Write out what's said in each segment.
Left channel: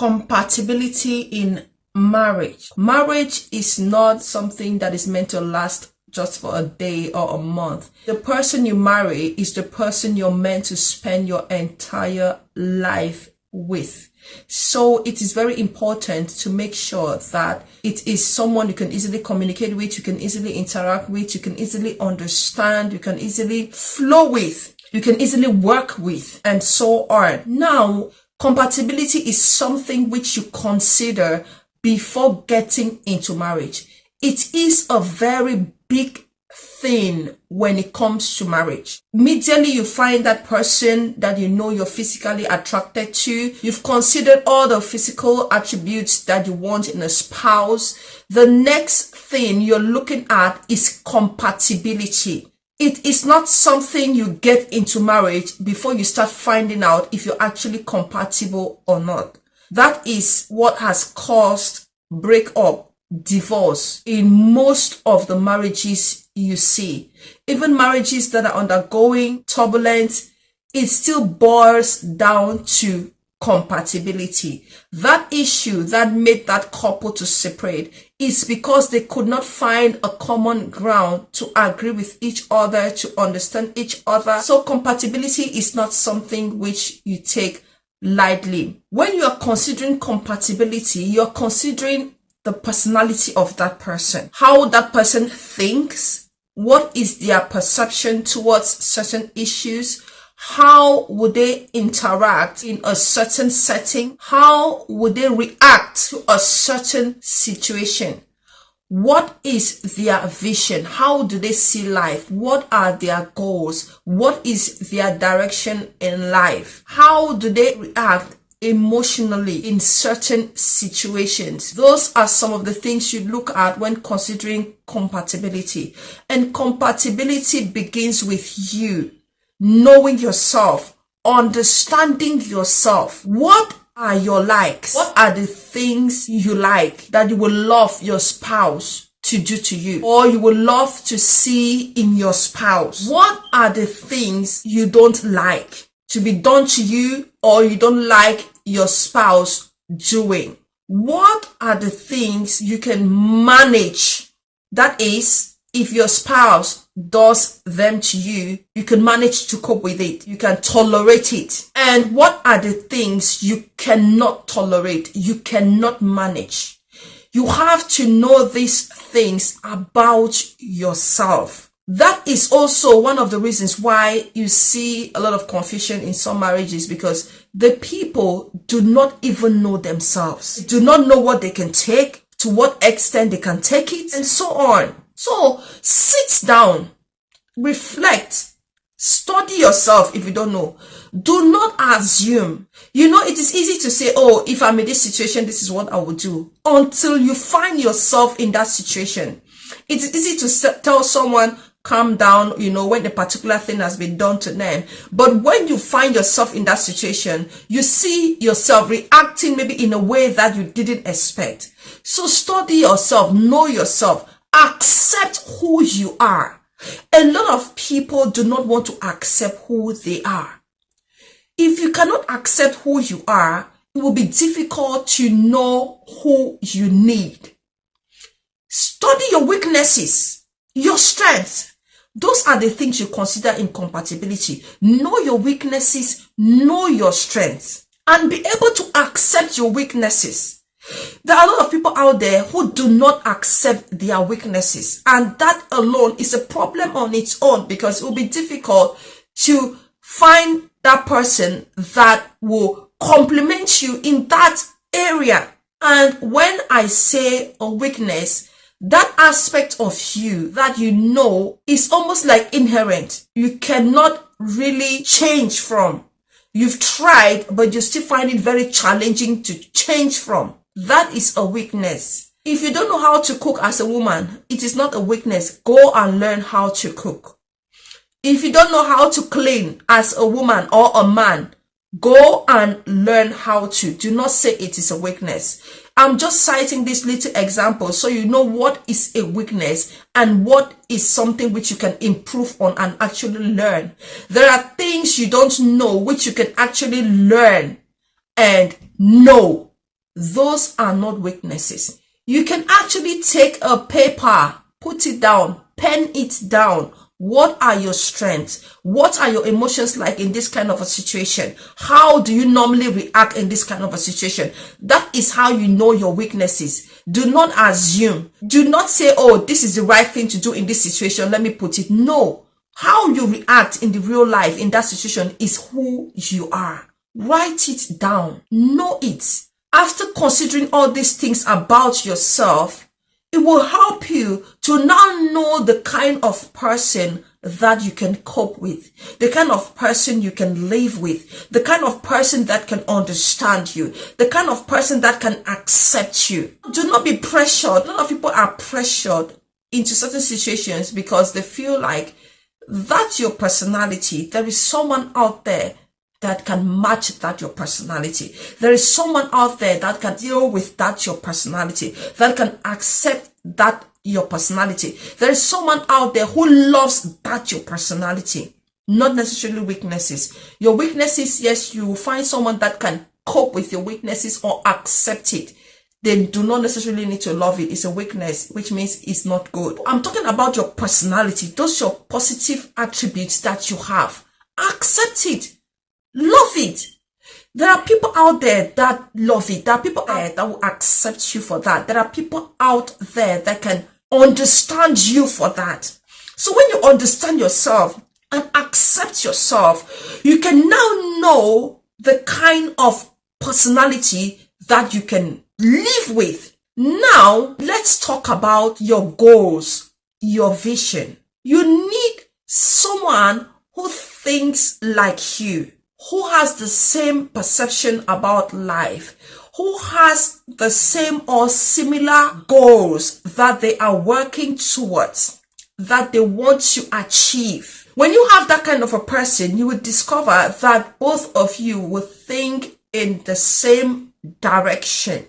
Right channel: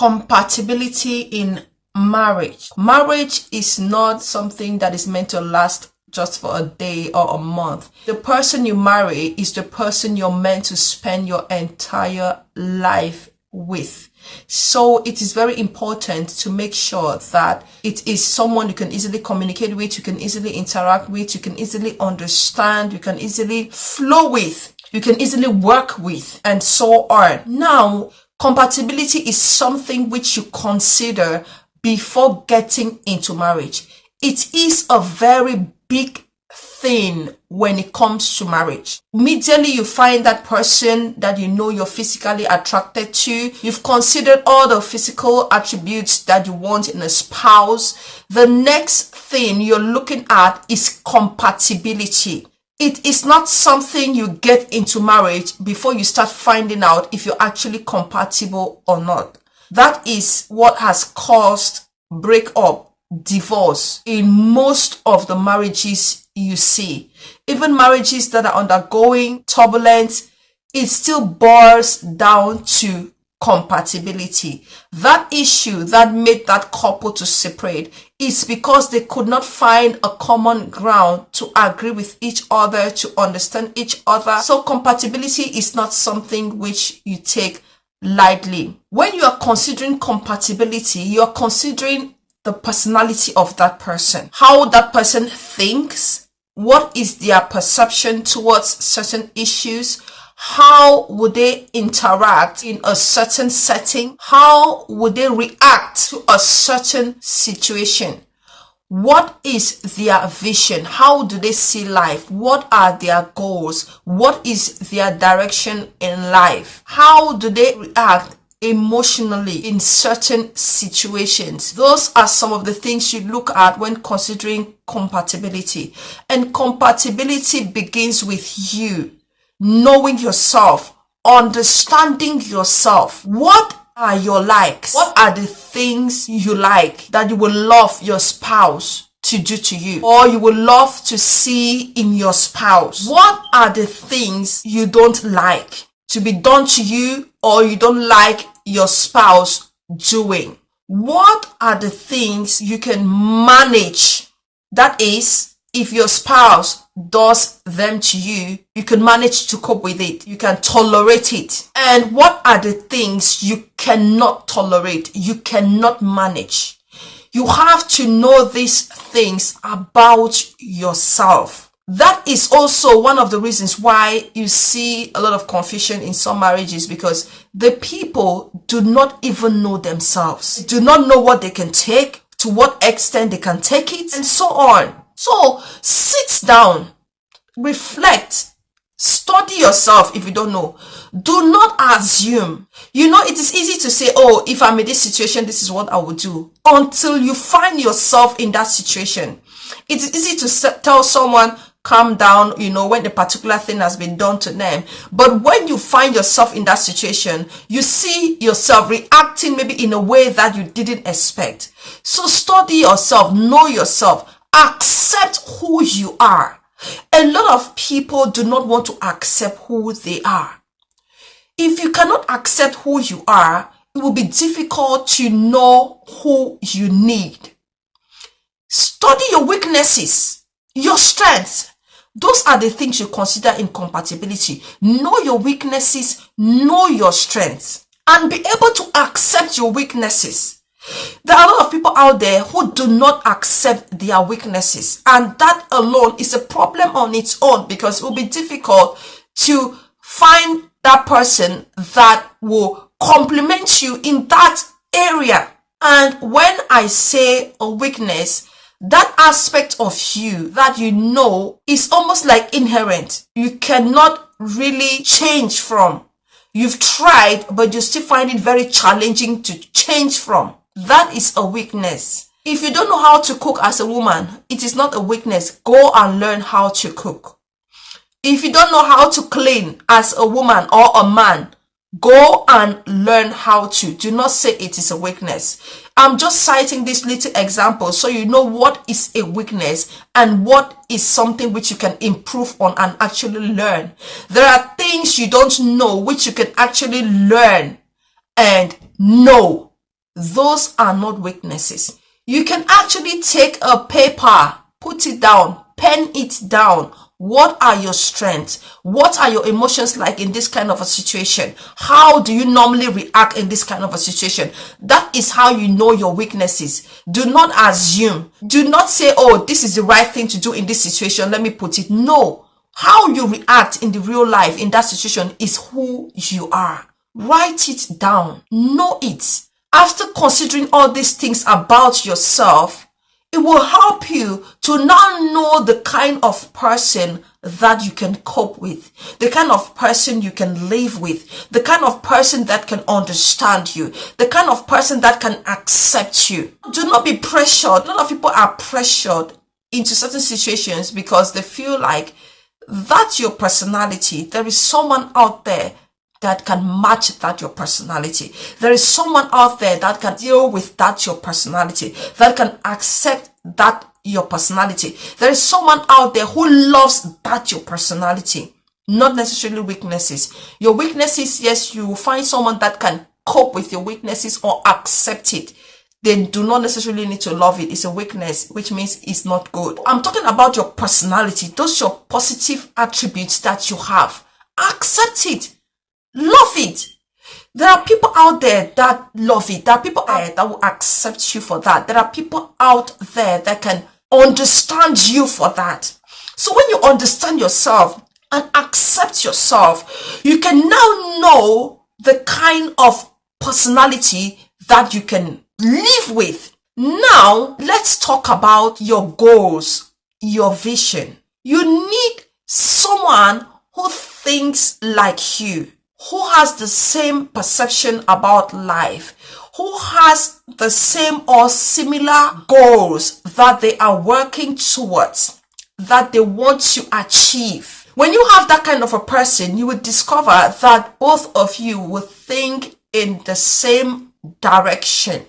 Compatibility in marriage. Marriage is not something that is meant to last just for a day or a month. The person you marry is the person you're meant to spend your entire life with. So it is very important to make sure that it is someone you can easily communicate with, you can easily interact with, you can easily understand, you can easily flow with, you can easily work with, and so on. Now, compatibility is something which you consider before getting into marriage. It is a very big thing when it comes to marriage. Immediately you find that person that you know you're physically attracted to. You've considered all the physical attributes that you want in a spouse. The next thing you're looking at is compatibility. It is not something you get into marriage before you start finding out if you're actually compatible or not. That is what has caused breakup, divorce in most of the marriages you see. Even marriages that are undergoing turbulence, it still boils down to compatibility. That issue that made that couple to separate is because they could not find a common ground to agree with each other, to understand each other. So compatibility is not something which you take lightly. When you are considering compatibility, you are considering the personality of that person, how that person thinks, what is their perception towards certain issues, how would they interact in a certain setting, how would they react to a certain situation, what is their vision, how do they see life, what are their goals, what is their direction in life, how do they react emotionally in certain situations. Those are some of the things you look at when considering compatibility. And compatibility begins with you knowing yourself, understanding yourself. What are your likes? What are the things you like that you would love your spouse to do to you, or you would love to see in your spouse? What are the things you don't like to be done to you, or you don't like your spouse doing? What are the things you can manage? That is, if your spouse does them to you, you can manage to cope with it. You can tolerate it. And what are the things you cannot tolerate? You cannot manage. You have to know these things about yourself. That is also one of the reasons why you see a lot of confusion in some marriages, because the people do not even know themselves, do not know what they can take, to what extent they can take it, and so on. So sit down, reflect, study yourself if you don't know. Do not assume. You know, it is easy to say, oh, if I'm in this situation, this is what I would do, until you find yourself in that situation. It is easy to tell someone, calm down, you know, when a particular thing has been done to them. But when you find yourself in that situation, you see yourself reacting maybe in a way that you didn't expect. So study yourself, know yourself, accept who you are. A lot of people do not want to accept who they are. If you cannot accept who you are, it will be difficult to know who you need. Study your weaknesses, your strengths. Those are the things you consider in compatibility. Know your weaknesses, know your strengths, and be able to accept your weaknesses. There are a lot of people out there who do not accept their weaknesses, and that alone is a problem on its own, because it will be difficult to find that person that will compliment you in that area. And when I say a weakness, that aspect of you that you know is almost like inherent. You cannot really change from. You've tried, but you still find it very challenging to change from. That is a weakness. If you don't know how to cook as a woman, it is not a weakness. Go and learn how to cook. If you don't know how to clean as a woman or a man, go and learn how to. Do not say it is a weakness. I'm just citing this little example so you know what is a weakness and what is something which you can improve on and actually learn. There are things you don't know which you can actually learn and know. those are not weaknesses. You can actually take a paper, put it down, pen it down. What are your strengths? What are your emotions like in this kind of a situation? How do you normally react in this kind of a situation? That is how you know your weaknesses. Do not assume. Do not say, oh, this is the right thing to do in this situation. Let me put it. No. How you react in the real life in that situation is who you are. Write it down. Know it. After considering all these things about yourself, it will help you to now know the kind of person that you can cope with, the kind of person you can live with, the kind of person that can understand you, the kind of person that can accept you. Do not be pressured. A lot of people are pressured into certain situations because they feel like that's your personality. There is someone out there that can match that your personality. There is someone out there that can deal with that your personality, that can accept that your personality. There is someone out there who loves that your personality, not necessarily weaknesses. Your weaknesses, yes, you will find someone that can cope with your weaknesses or accept it. They do not necessarily need to love it. It's a weakness, which means it's not good. I'm talking about your personality. Those are your positive attributes that you have. Accept it. Love it. There are people out there that love it. There are people out there that will accept you for that. There are people out there that can understand you for that. So when you understand yourself and accept yourself, you can now know the kind of personality that you can live with. Now, let's talk about your goals, your vision. You need someone who thinks like you, who has the same perception about life, who has the same or similar goals that they are working towards, that they want to achieve. When you have that kind of a person, you will discover that both of you will think in the same direction.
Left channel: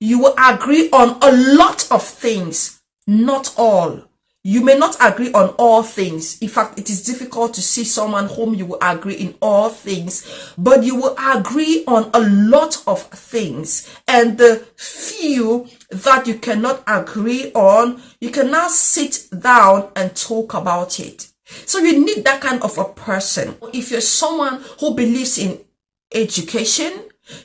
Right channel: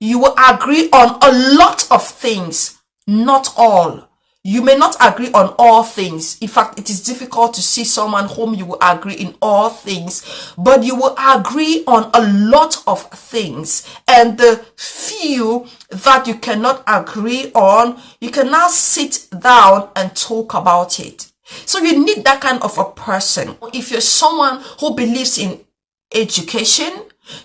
You will agree on a lot of things, not all. You may not agree on all things. In fact, it is difficult to see someone whom you will agree in all things, but you will agree on a lot of things. And the few that you cannot agree on, you can now sit down and talk about it. So you need that kind of a person. If you're someone who believes in education,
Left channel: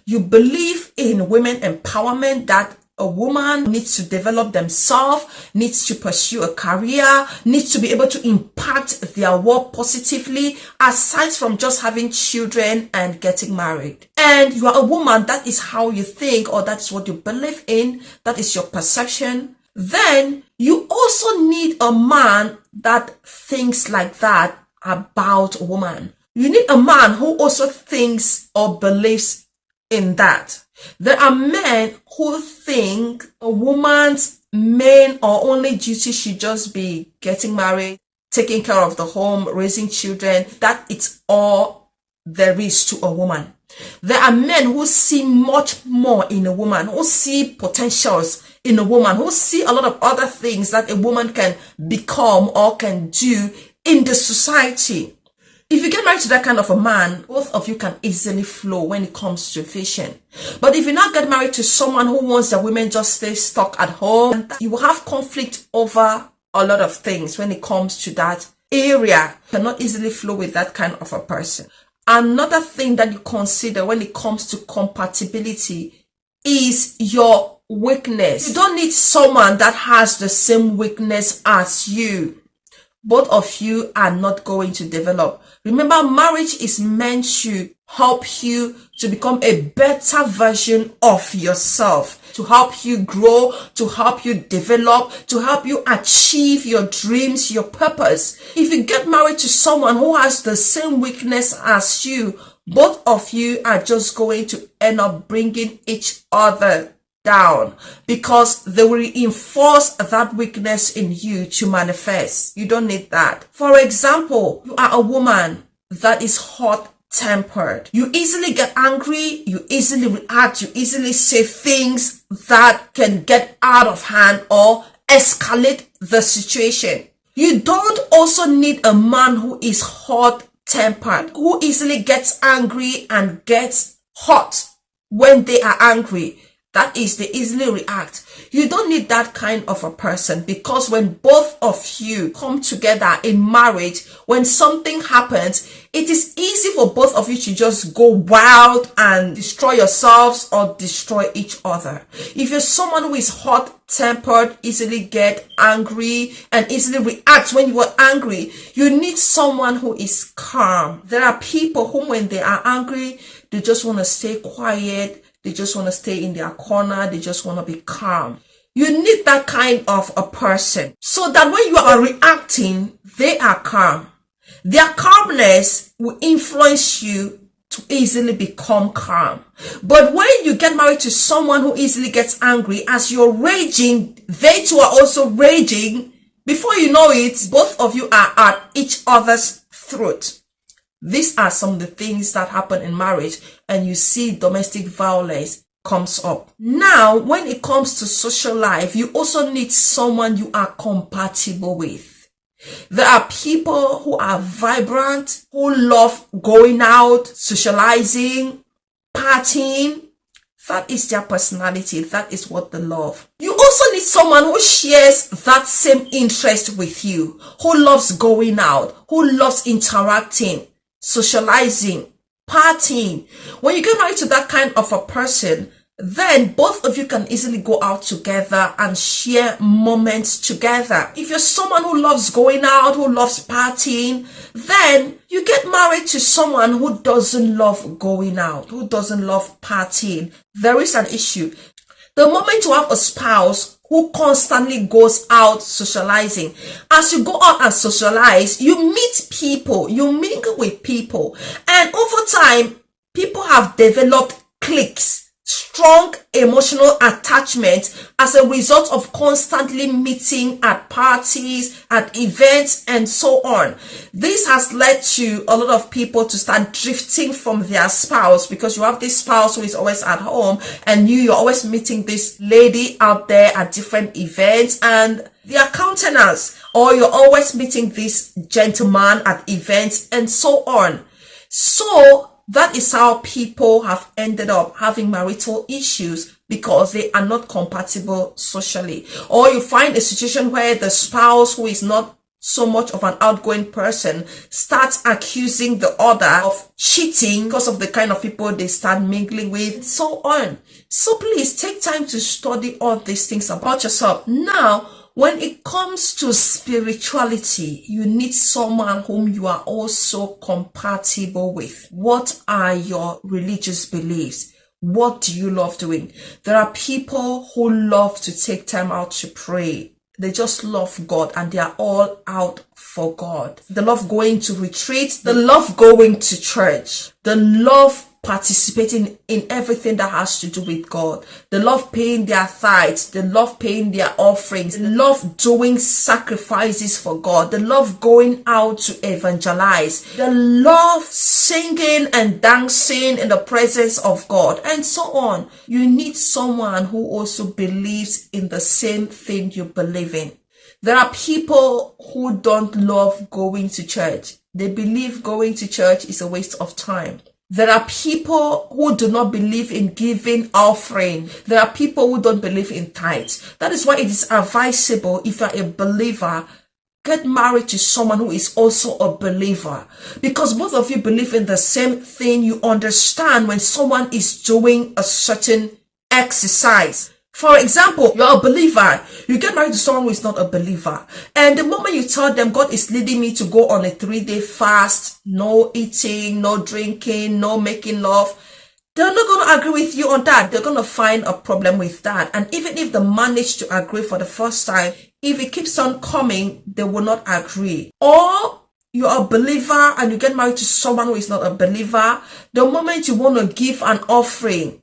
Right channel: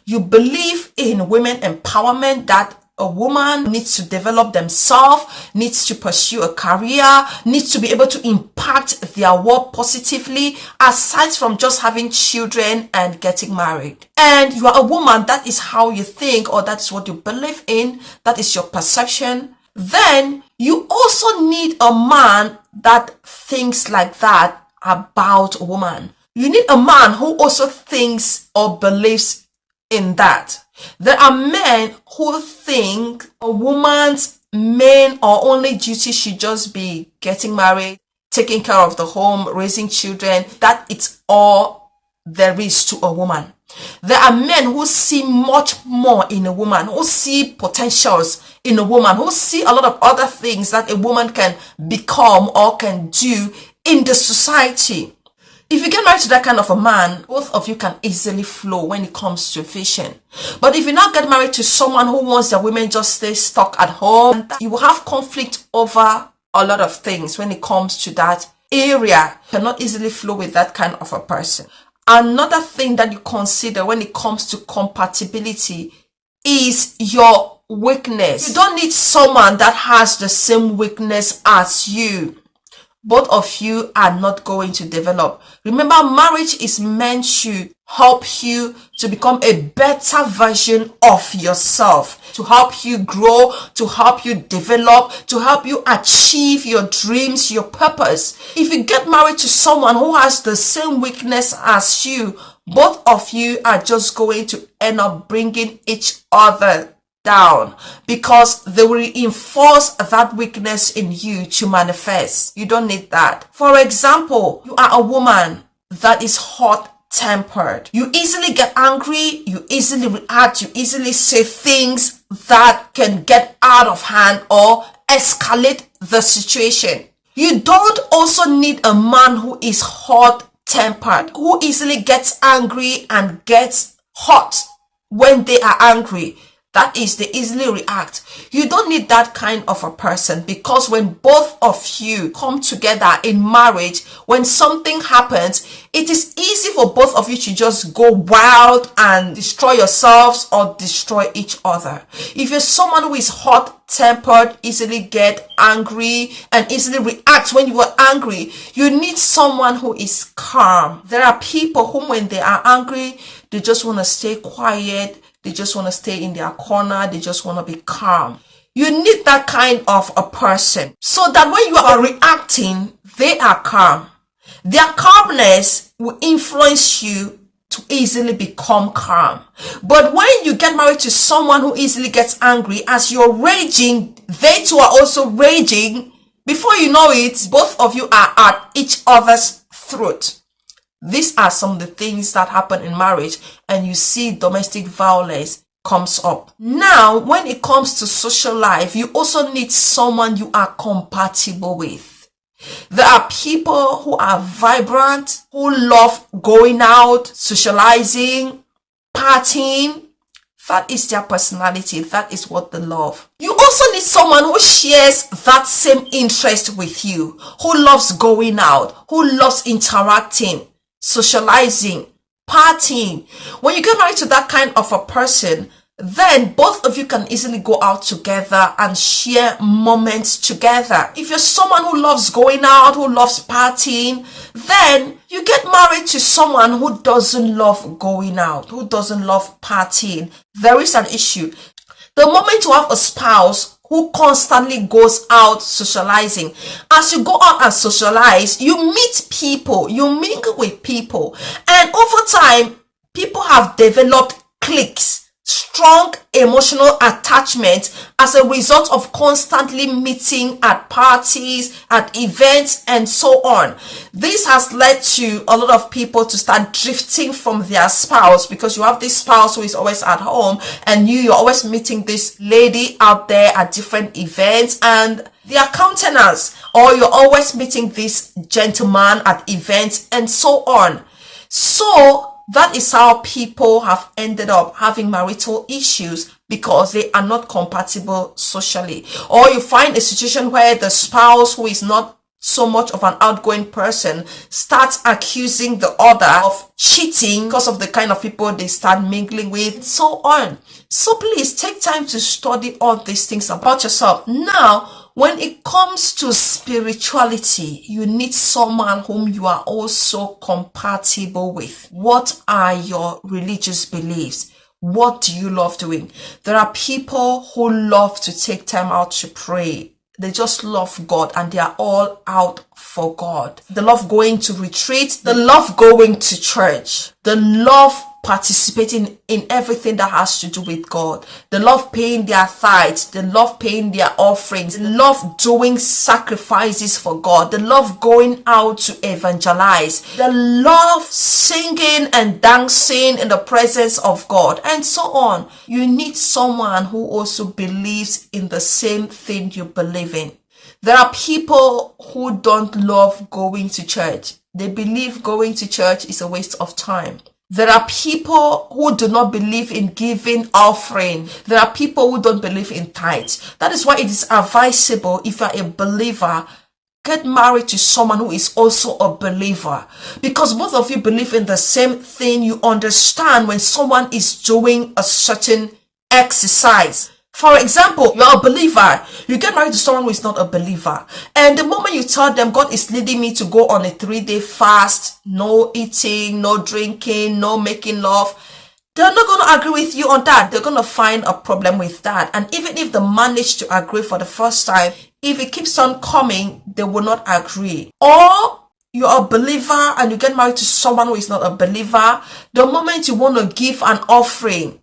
you believe in women empowerment, that a woman needs to develop themselves, needs to pursue a career, needs to be able to impact their world positively, aside from just having children and getting married. And you are a woman, that is how you think, or that's what you believe in, that is your perception. Then you also need a man that thinks like that about a woman. You need a man who also thinks or believes in that. There are men who think a woman's main or only duty should just be getting married, taking care of the home, raising children. That it's all there is to a woman. There are men who see much more in a woman, who see potentials in a woman, who see a lot of other things that a woman can become or can do in the society. If you get married to that kind of a man, both of you can easily flow when it comes to vision. But if you now get married to someone who wants that women just stay stuck at home, you will have conflict over a lot of things when it comes to that area. You cannot easily flow with that kind of a person. Another thing that you consider when it comes to compatibility is your weakness. You don't need someone that has the same weakness as you. Both of you are not going to develop. Remember, marriage is meant to help you to become a better version of yourself, to help you grow, to help you develop, to help you achieve your dreams, your purpose. If you get married to someone who has the same weakness as you, both of you are just going to end up bringing each other down, because they will reinforce that weakness in you to manifest. You don't need that. For example, you are a woman that is hot-tempered. You easily get angry, you easily react, you easily say things that can get out of hand or escalate the situation. You don't also need a man who is hot-tempered, who easily gets angry and gets hot when they are angry. That is, they easily react. You don't need that kind of a person, because when both of you come together in marriage, when something happens, it is easy for both of you to just go wild and destroy yourselves or destroy each other. If you're someone who is hot-tempered, easily get angry and easily react when you are angry, you need someone who is calm. There are people who, when they are angry, they just want to stay quiet. They just want to stay in their corner. They just want to be calm. You need that kind of a person, so that when you are reacting, they are calm. Their calmness will influence you to easily become calm. But when you get married to someone who easily gets angry, as you're raging, they too are also raging. Before you know it, both of you are at each other's throat. These are some of the things that happen in marriage, and you see domestic violence comes up. Now, when it comes to social life, you also need someone you are compatible with. There are people who are vibrant, who love going out, socializing, partying. That is their personality. That is what they love. You also need someone who shares that same interest with you, who loves going out, who loves interacting, socializing, partying. When you get married to that kind of a person, then both of you can easily go out together and share moments together. If you're someone who loves going out, who loves partying, then you get married to someone who doesn't love going out, who doesn't love partying. There is an issue. The moment you have a spouse who constantly goes out socializing, as you go out and socialize, you meet people, you mingle with people, and over time, people have developed cliques, strong emotional attachment as a result of constantly meeting at parties, at events, and so on. This has led to a lot of people to start drifting from their spouse, because you have this spouse who is always at home, and you're always meeting this lady out there at different events, and their countenance, or you're always meeting this gentleman at events, and so on. So that is how people have ended up having marital issues, because they are not compatible socially. Or you find a situation where the spouse, who is not so much of an outgoing person, starts accusing the other of cheating because of the kind of people they start mingling with, so on. So please take time to study all these things about yourself. Now, when it comes to spirituality, you need someone whom you are also compatible with. What are your religious beliefs? What do you love doing? There are people who love to take time out to pray. They just love God, and they are all out for God. They love going to retreats. They love going to church. They love participating in everything that has to do with God. They love paying their tithes. They love paying their offerings. They love doing sacrifices for God. They love going out to evangelize. They love singing and dancing in the presence of God, and so on. You need someone who also believes in the same thing you believe in. There are people who don't love going to church. They believe going to church is a waste of time. There are people who do not believe in giving offering. There are people who don't believe in tithes. That is why it is advisable, if you are a believer, get married to someone who is also a believer. Because both of you believe in the same thing. You understand when someone is doing a certain exercise. For example, you're a believer. You get married to someone who is not a believer. And the moment you tell them, God is leading me to go on a 3-day fast, no eating, no drinking, no making love, they're not going to agree with you on that. They're going to find a problem with that. And even if they manage to agree for the first time, if it keeps on coming, they will not agree. Or you're a believer and you get married to someone who is not a believer. The moment you want to give an offering,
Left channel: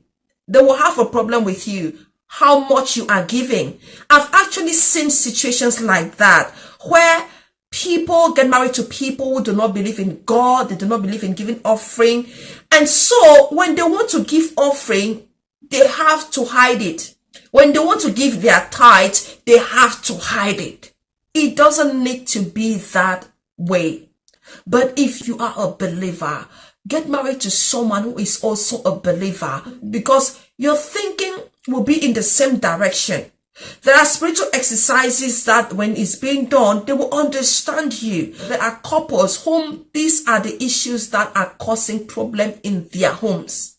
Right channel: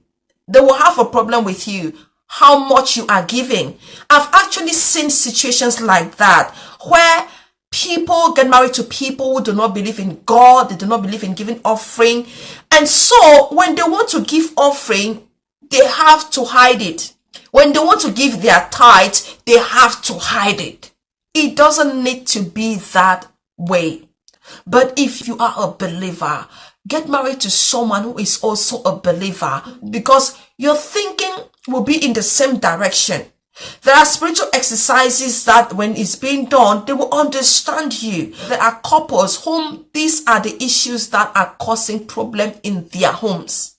they will have a problem with you, how much you are giving. I've actually seen situations like that, where people get married to people who do not believe in God. They do not believe in giving offering. And so when they want to give offering, they have to hide it. When they want to give their tithes, they have to hide it. It doesn't need to be that way. But if you are a believer, get married to someone who is also a believer, because you're thinking will be in the same direction. There are spiritual exercises that when it's being done, they will understand you. There are couples whom these are the issues that are causing problem in their homes.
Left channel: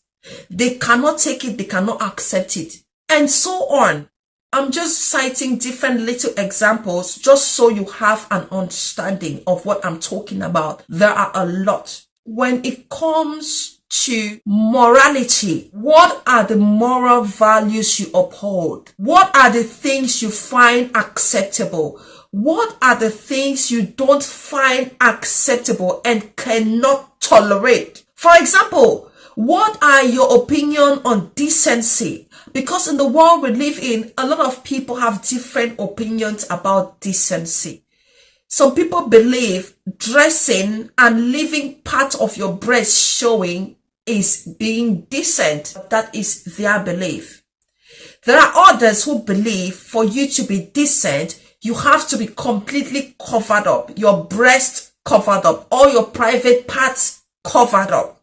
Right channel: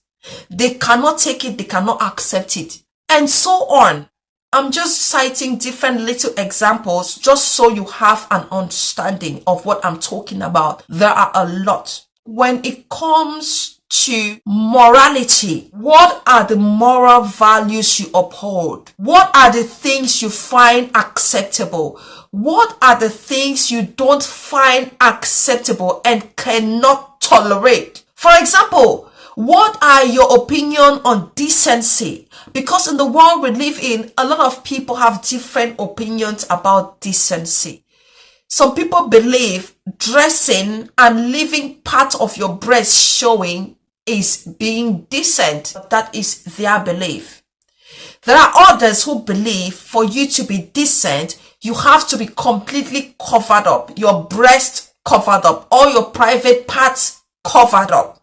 They cannot take it, they cannot accept it, and so on. I'm just citing different little examples just so you have an understanding of what I'm talking about. There are a lot. When it comes to morality, what are the moral values you uphold? What are the things you find acceptable? What are the things you don't find acceptable and cannot tolerate? For example, what are your opinion on decency? Because in the world we live in, a lot of people have different opinions about decency. Some people believe dressing and leaving part of your breast showing is being decent. That is their belief. There are others who believe for you to be decent, you have to be completely covered up, your breast covered up, all your private parts covered up.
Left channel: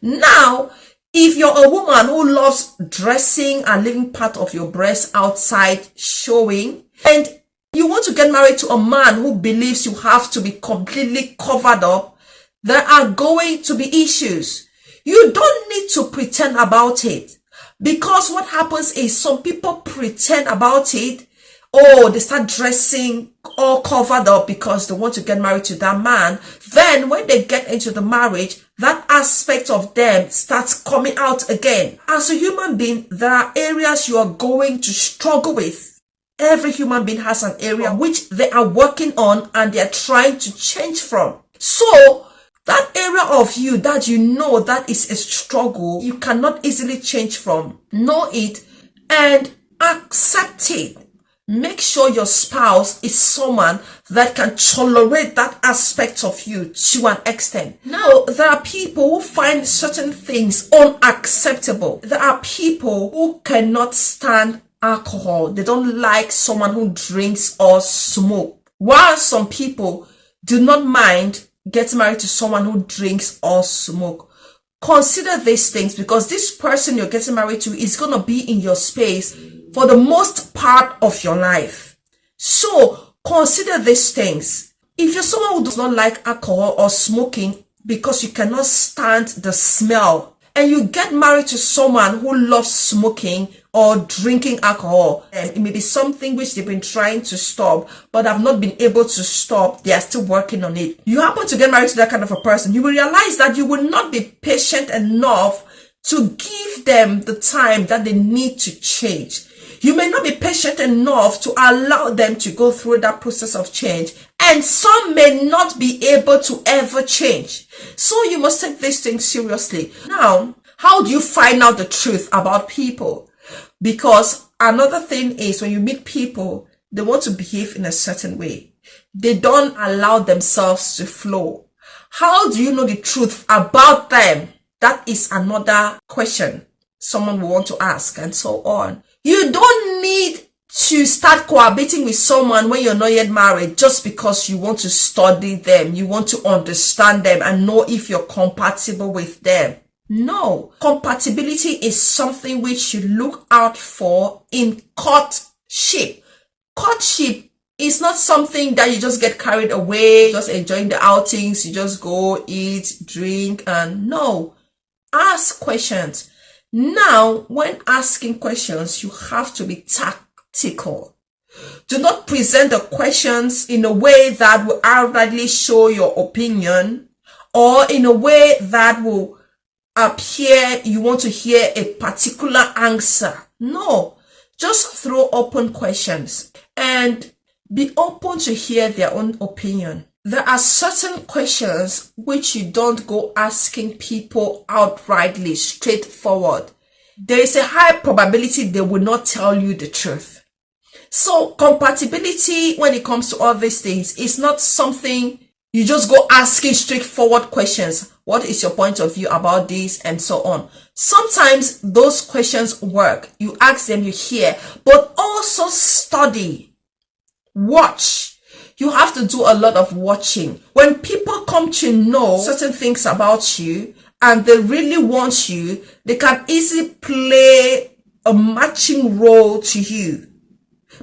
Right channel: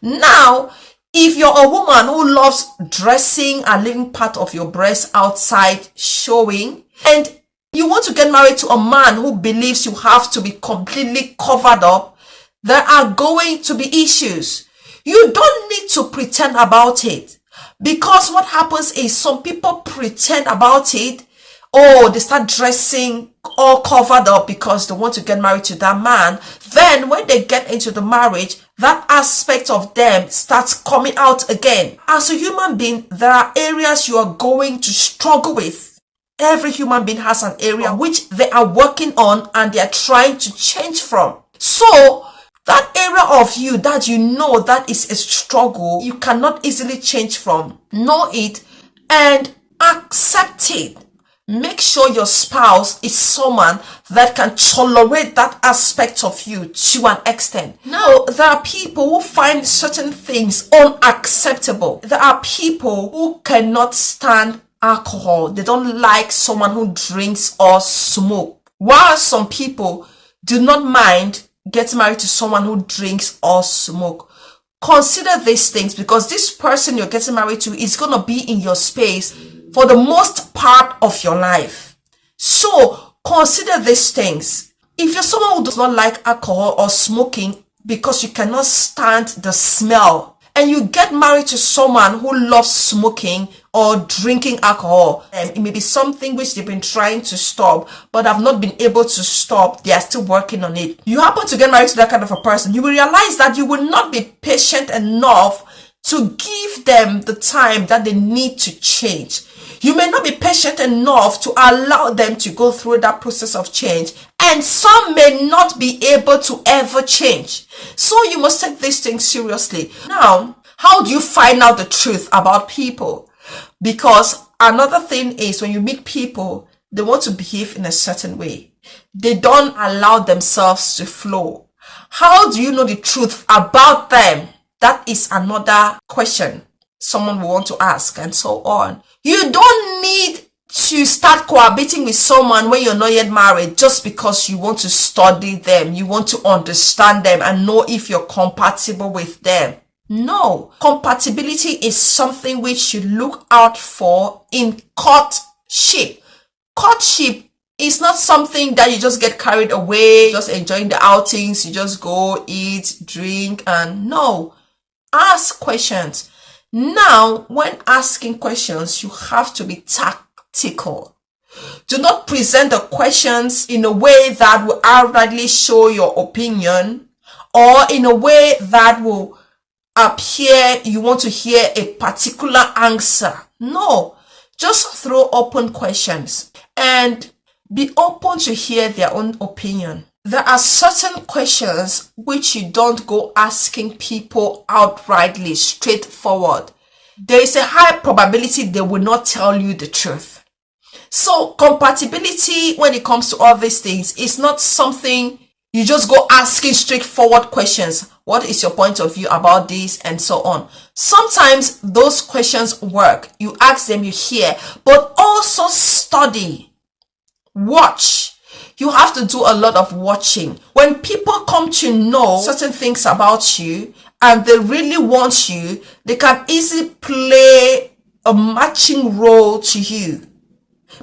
Now, if you're a woman who loves dressing and leaving part of your breast outside showing, and you want to get married to a man who believes you have to be completely covered up, there are going to be issues. You don't need to pretend about it, because what happens is some people pretend about it. Oh, they start dressing all covered up because they want to get married to that man. Then when they get into the marriage, that aspect of them starts coming out again. As a human being, there are areas you are going to struggle with. Every human being has an area which they are working on and they are trying to change from. So that area of you that you know that is a struggle, you cannot easily change from. Know it and accept it. Make sure your spouse is someone that can tolerate that aspect of you to an extent. Now, there are people who find certain things unacceptable. There are people who cannot stand alcohol. They don't like someone who drinks or smoke. While some people do not mind getting married to someone who drinks or smoke. Consider these things, because this person you're getting married to is going to be in your space for the most part of your life. So consider these things. If you're someone who does not like alcohol or smoking because you cannot stand the smell, and you get married to someone who loves smoking or drinking alcohol, and it may be something which they've been trying to stop but have not been able to stop, they are still working on it. You happen to get married to that kind of a person, you will realize that you will not be patient enough to give them the time that they need to change. You may not be patient enough to allow them to go through that process of change, and some may not be able to ever change. So you must take these things seriously. Now, how do you find out the truth about people? Because another thing is, when you meet people, they want to behave in a certain way. They don't allow themselves to flow. How do you know the truth about them? That is another question someone will want to ask, and so on. You don't need to start cohabiting with someone when you're not yet married just because you want to study them, you want to understand them and know if you're compatible with them. No, compatibility is something which you look out for in courtship. Courtship is not something that you just get carried away, just enjoying the outings, you just go eat, drink, and no. Ask questions. Now, when asking questions, you have to be tactical. Do not present the questions in a way that will outrightly show your opinion, or in a way that will appear you want to hear a particular answer. No, just throw open questions and be open to hear their own opinion. There are certain questions which you don't go asking people outrightly, straightforward. There is a high probability they will not tell you the truth. So compatibility, when it comes to all these things, is not something you just go asking straightforward questions. What is your point of view about this, and so on. Sometimes those questions work. You ask them, you hear, but also study, watch. You have to do a lot of watching. When people come to know certain things about you and they really want you, they can easily play a matching role to you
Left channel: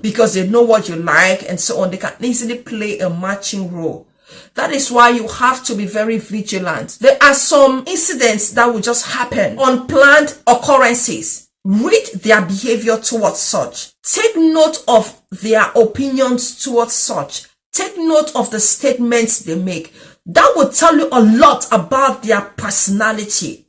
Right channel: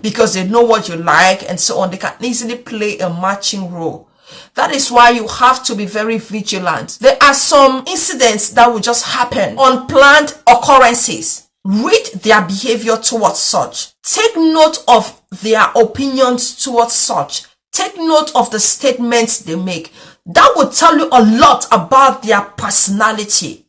because they know what you like and so on. They can easily play a matching role. That is why you have to be very vigilant. There are some incidents that will just happen, unplanned occurrences. Read their behavior towards such. Take note of their opinions towards such. Take note of the statements they make. That will tell you a lot about their personality.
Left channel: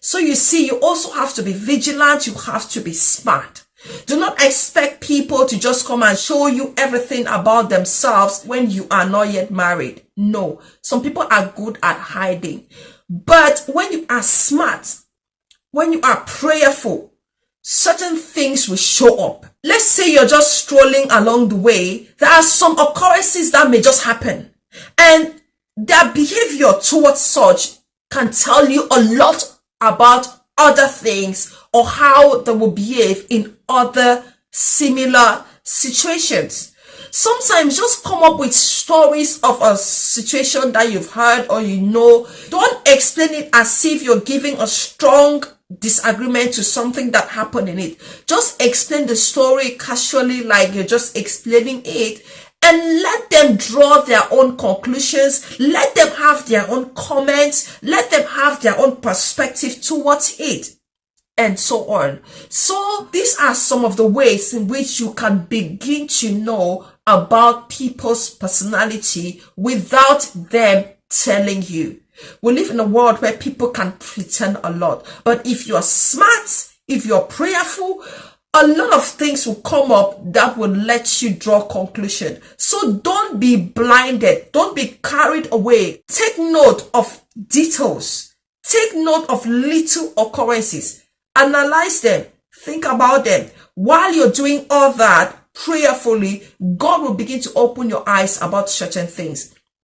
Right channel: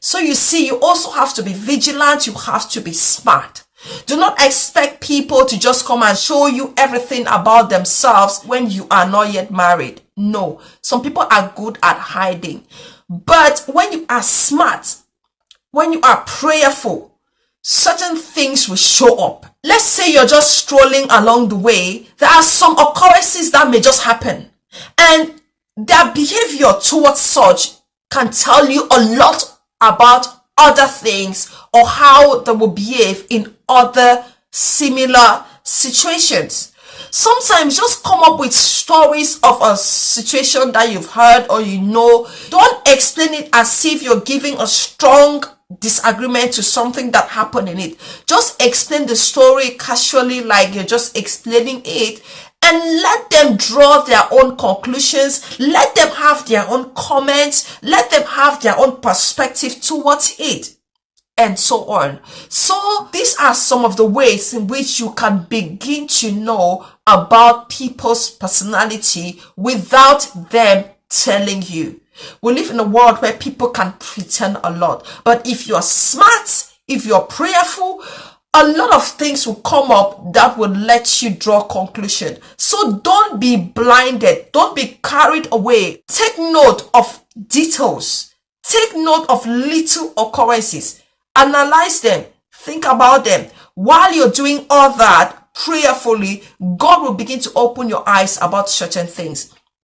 So you see, you also have to be vigilant. You have to be smart. Do not expect people to just come and show you everything about themselves when you are not yet married. No, some people are good at hiding. But when you are smart, when you are prayerful, certain things will show up. Let's say you're just strolling along the way. There are some occurrences that may just happen. And their behavior towards such can tell you a lot about other things or how they will behave in other similar situations. Sometimes just come up with stories of a situation that you've heard or you know. Don't explain it as if you're giving a strong disagreement to something that happened in it. Just explain the story casually, like you're just explaining it, and let them draw their own conclusions. Let them have their own comments. Let them have their own perspective towards it, and so on. So these are some of the ways in which you can begin to know about people's personality without them telling you. We live in a world where people can pretend a lot. But if you're smart, if you're prayerful, a lot of things will come up that will let you draw conclusion. So don't be blinded. Don't be carried away. Take note of details. Take note of little occurrences. Analyze them. Think about them. While you're doing all that prayerfully, God will begin to open your eyes about certain things.